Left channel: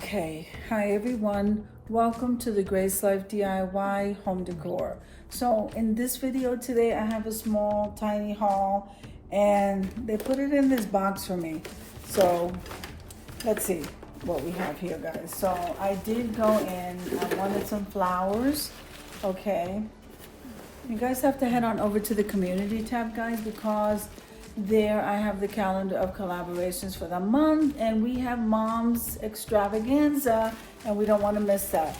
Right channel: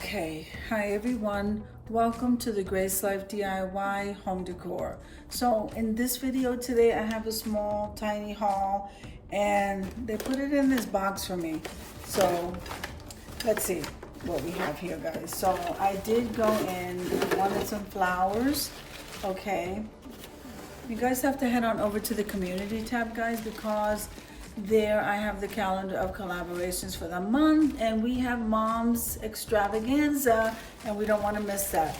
Okay, hi everyone. Welcome to the Grace Life DIY home decor. So in this video today, I have a small tiny haul and they put it in this box for me. So let's see what we have here, guys. So I did go in, I wanted some flowers. Okay, you guys have to head on over to the community tab, guys, because there I have the calendar of collaborations for the month, and we have Mom's Extravaganza, and we don't want to miss that.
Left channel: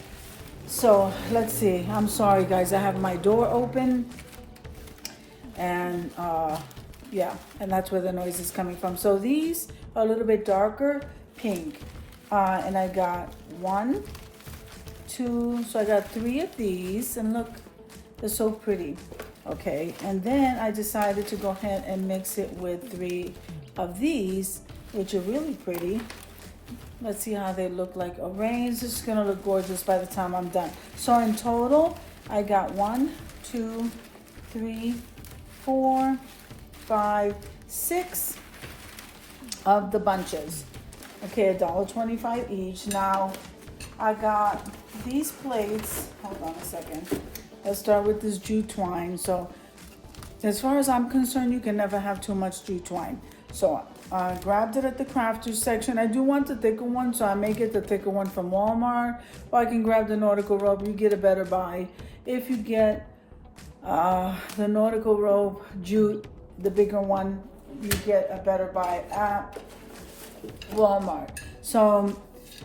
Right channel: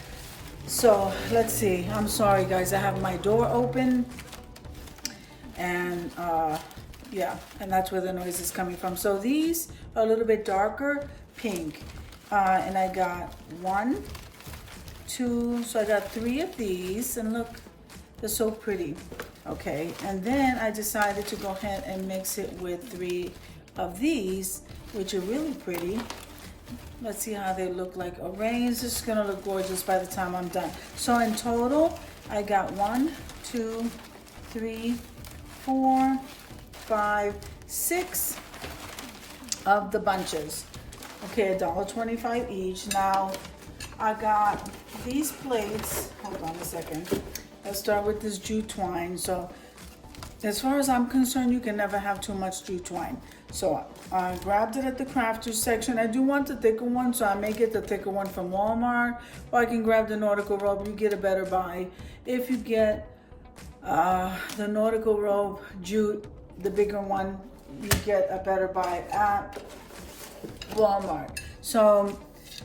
So let's see. I'm sorry, guys. I have my door open, and yeah, and that's where the noise is coming from. So these are a little bit darker pink, and I got 1, 2. So I got 3 of these, and look, they're so pretty. Okay, and then I decided to go ahead and mix it with 3 of these, which are really pretty. Let's see how they look like arranged. This is gonna look gorgeous by the time I'm done. So in total, I got 1, 2, 3, 4, 5, 6 of the bunches. Okay, $1.25 each. Now, I got these plates. Hold on a second. Let's start with this jute twine. So as far as I'm concerned, you can never have too much jute twine. So I grabbed it at the crafters section. I do want the thicker one, so I may get the thicker one from Walmart, or I can grab the nautical rope. You get a better buy. If you get the nautical rope jute, the bigger one, you get a better buy at Walmart. So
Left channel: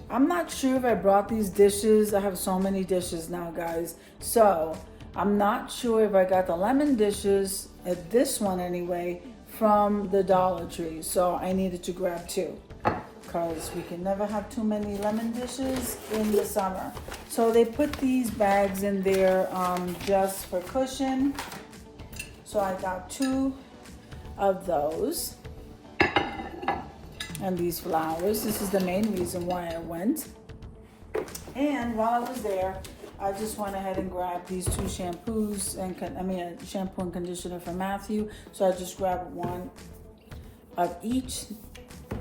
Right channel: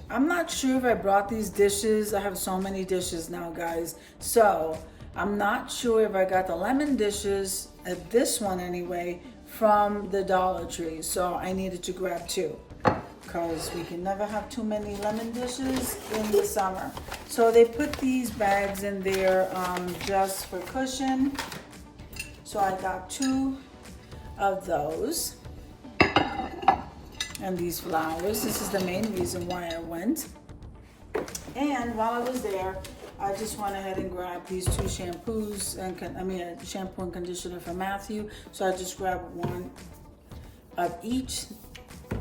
I'm not sure if I brought these dishes. I have so many dishes now, guys. So I'm not sure if I got the lemon dishes, at this one anyway, from the Dollar Tree. So I needed to grab 2, because we can never have too many lemon dishes in the summer. So they put these bags in there just for cushion. So I got 2 of those. And these flowers. This is the main reason why I went. And while I was there, I just went ahead and grabbed these 2 shampoos and shampoo and conditioner for Matthew. So I just grabbed 1 of each.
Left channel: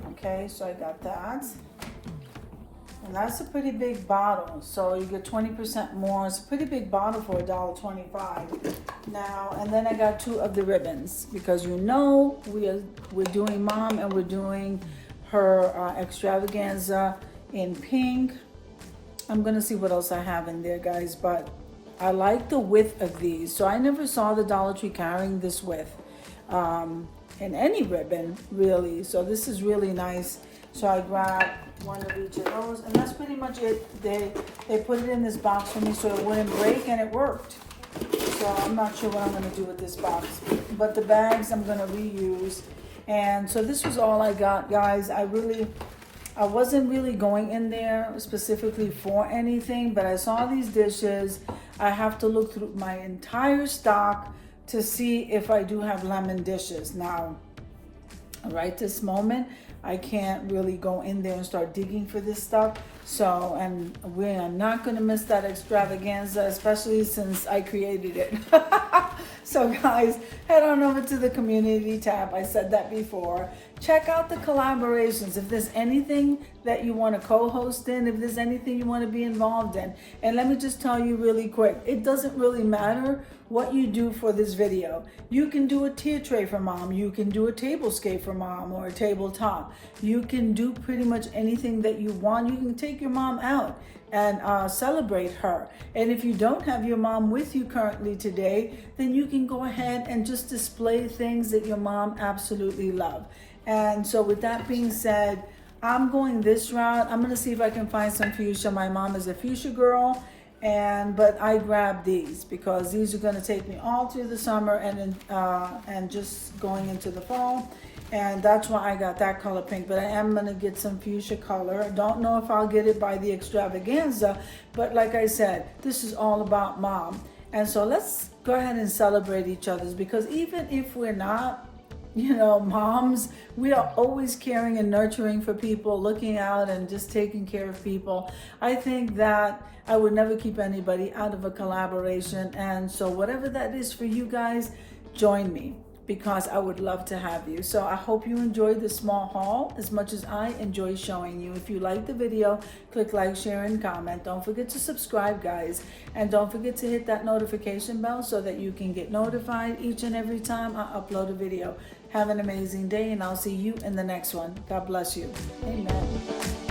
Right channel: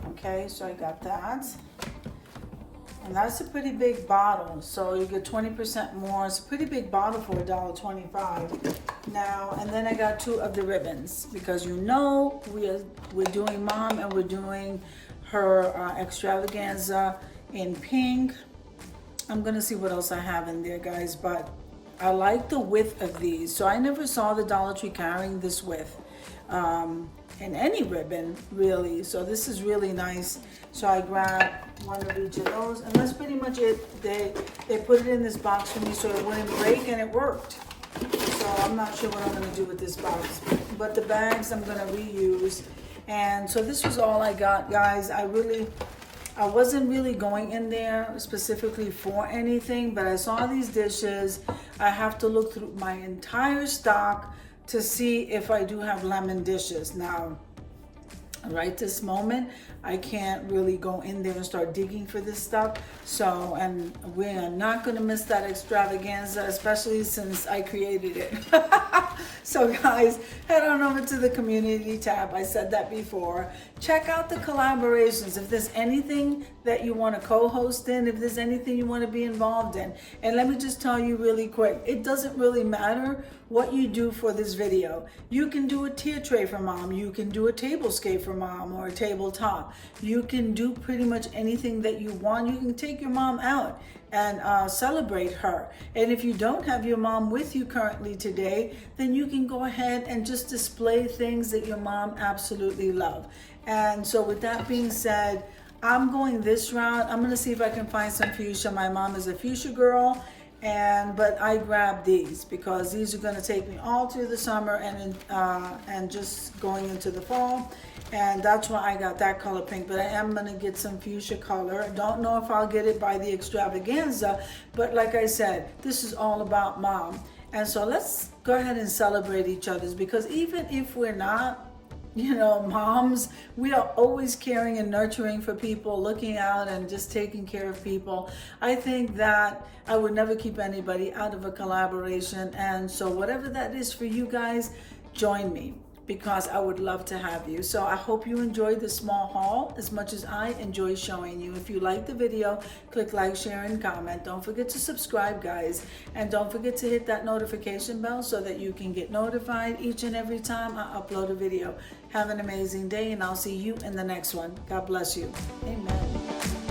Okay, so I got that. And that's a pretty big bottle. So you get 20% more. It's a pretty big bottle for $1.25. Now, and then I got 2 of the ribbons, because you know we're doing Mom, and we're doing her extravaganza in pink. I'm gonna see what else I have in there, guys, but I like the width of these. So I never saw the Dollar Tree carrying this width in any ribbon, really. So this is really nice. So I grabbed 1 of each of those, and that's pretty much it. They put it in this box for me so it wouldn't break, and it worked. So I'm not sure what I'm gonna do with this box, but the bags I'm gonna reuse. And so this was all I got, guys. I wasn't really going in there specifically for anything, but I saw these dishes. I have to look through my entire stock to see if I do have lemon dishes. Now, right this moment, I can't really go in there and start digging for this stuff. So, and we are not gonna miss that extravaganza, especially since I created it. So guys, head on over to the community tab. I said that before. Check out the collaborations. If there's anything that you want to co-host in, if there's anything you want to be involved in. And let me just tell you really quick, it doesn't really matter what you do for this video. You can do a tier tray for Mom. You can do a tablescape for Mom, or a tabletop. You can do pretty much anything that you want. You can take your mom out and celebrate her. And if you don't have your mom with you currently today, then you can go ahead and just display things that your mom absolutely loves. And so with that being said, I'm going this route. I'm gonna see if I can find some fuchsia. My mom is a fuchsia girl, but I grabbed these because these are gonna take me all through the summer and just going into the fall. And that's why I got that color pink, but I am gonna get some fuchsia color. Don't know if I'll get it by the extravaganza, but like I said, this is all about Mom. And so let's go ahead and celebrate each other's, because even if we're not, moms, we are always caring and nurturing for people, looking out and just taking care of people. I think that I would never keep anybody out of a collaboration. And so whatever that is for you guys, join me. because I would love to have you. So I hope you enjoyed the small haul as much as I enjoy showing you. If you like the video, click like, share, and comment. Don't forget to subscribe, guys. And don't forget to hit that notification bell so that you can get notified each and every time I upload a video. Have an amazing day, and I'll see you in the next one. God bless you. Amen.